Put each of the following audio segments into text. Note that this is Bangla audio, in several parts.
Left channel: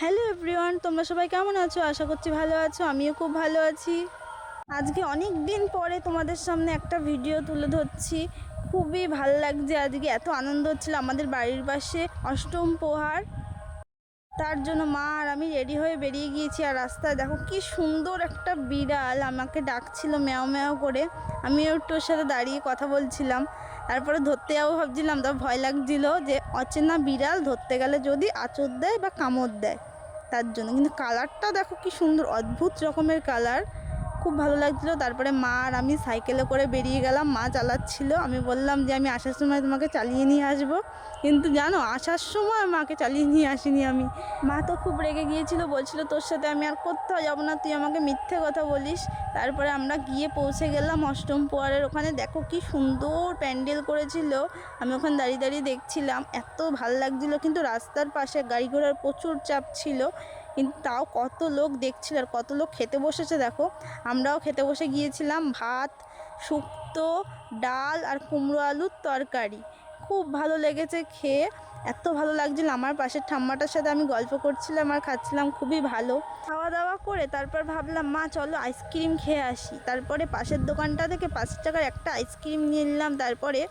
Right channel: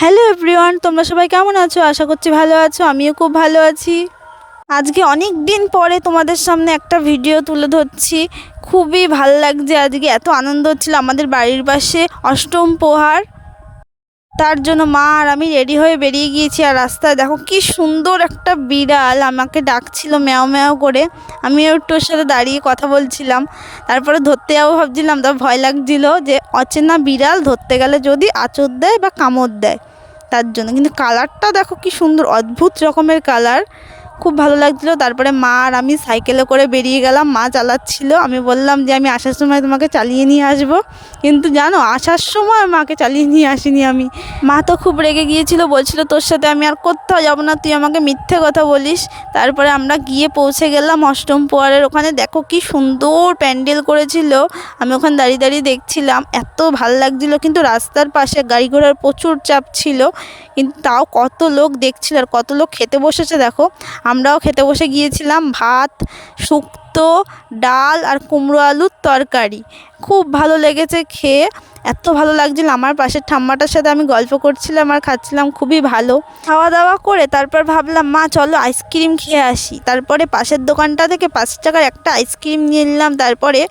হ্যালো এভরিওয়ান, তোমরা সবাই কেমন আছো? আশা করছি ভালো আছো। আমিও খুব ভালো আছি। আজকে অনেক দিন পরে তোমাদের সামনে একটা ভিডিও তুলে ধরছি। খুবই ভাল লাগছে, আজকে এত আনন্দ হচ্ছিল। আমাদের বাড়ির পাশে অষ্টম প্রহার, তার জন্য মা আর আমি রেডি হয়ে বেরিয়ে গিয়েছি। আর রাস্তায় দেখো কি সুন্দর একটা বিড়াল আমাকে ডাকছিল ম্যাও ম্যাও করে। আমি একটু ওর সাথে দাঁড়িয়ে কথা বলছিলাম। তারপরে ধরতে যাবো ভাবছিলাম, তার ভয় লাগছিল যে অচেনা বিড়াল ধরতে গেলে যদি আঁচড় দেয় বা কামড় দেয়, তার জন্য। কিন্তু কালারটা দেখো কি সুন্দর, অদ্ভুত রকমের কালার, খুব ভালো লাগছিলো। তারপরে মা আর আমি সাইকেলে করে বেরিয়ে গেলাম। মা চালাচ্ছিল, আমি বললাম যে আমি আসার সময় তোমাকে চালিয়ে নিয়ে আসবো। কিন্তু জানো, আসার সময় মাকে চালিয়ে নিয়ে আসিনি আমি। মা তো খুব রেগে গিয়েছিল, বলছিল তোর সাথে আমি আর কোথাও যাবো না, তুই আমাকে মিথ্যে কথা বলিস। তারপরে আমরা গিয়ে পৌঁছে গেলাম অষ্টম প্রহরের ওখানে। দেখো কি সুন্দর প্যান্ডেল করেছিল, আমি ওখানে দাঁড়িয়ে দাঁড়িয়ে দেখছিলাম, এত ভাল লাগছিলো। কিন্তু রাস্তার পাশে গাড়ি ঘোড়ার প্রচুর চাপ ছিল, কিন্তু তাও কত লোক দেখছিল আর কত লোক খেতে বসেছে দেখো। আমরাও খেতে বসে গিয়েছিলাম, ভাত, শুক্তো, ডাল আর কুমড়ো আলুর তরকারি। খুব ভালো লেগেছে খেয়ে, এত ভালো লাগছিল। আমার পাশের ঠাম্মাটার সাথে আমি গল্প করছিলাম আর খাচ্ছিলাম, খুবই ভালো। খাওয়া দাওয়া করে তারপর ভাবলাম মা চলো আইসক্রিম খেয়ে আসি। তারপরে পাশের দোকানটা থেকে 5 টাকার একটা আইসক্রিম নিয়ে নিলাম। তারপরে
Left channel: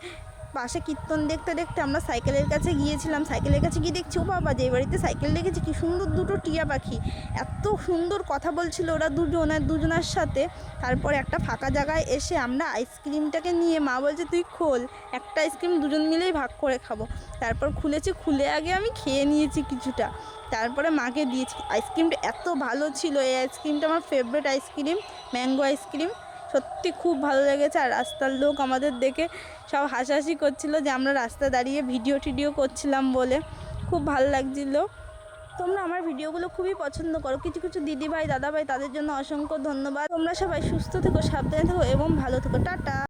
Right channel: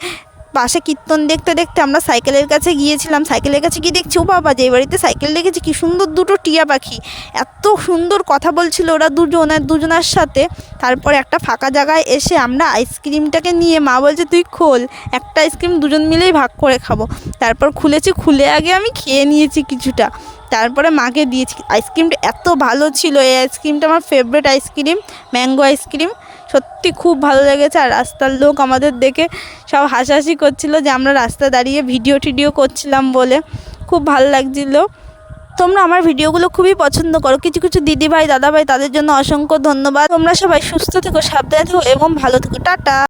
পাশে কীর্তন দেখতে দেখতে আমরা সাইকেলের কাছে গিয়েছিলাম। সাইকেলের কাছে গিয়ে দেখছি, ও বাবা, যে বাড়িতে সাইকেল দেখেছি কি সুন্দর দুটো টিয়া পাখি, এত সুন্দর কথা বলছিল ওরা দুজনার সাথে। তারপরে একটা ফাঁকা জায়গায় এসে আমরা আইসক্রিমটাকে নিয়ে, মা বলছে তুই খোল, একটা আইসক্রিম দুজন মিলেই ভাগ করে খাবো। তারপর খুলেছি, খুলে আগে আমি খেয়ে নিয়েছি কিছুটা, তারপরে মাকে দিয়েছি। আইসক্রিমটা এত ভালো ছিল, এই আইসক্রিমটা আমার ফেভারিট আইসক্রিম, ম্যাঙ্গো আইসক্রিম। সত্যি খুব ভালো লেগেছে। আর রাস্তার লোক আমাদের দেখে সব হাসাহাসি করছিল যে আমরা রাস্তায় দাঁড়িয়ে ভিডিও টিডিও করছিলাম বলে, খুব ভালো লাগছিল। তোমরা আমার ভিডিওগুলো খুবই পছন্দ করো, কিছু কিছু দিদিভাই দাদাভাই, তাদের জন্য অসংখ্য ধন্যবাদ। তোমরা সবাই সুস্থ থেকো, সাবধানে থেকো এবং ভালো থেকো। টাটা।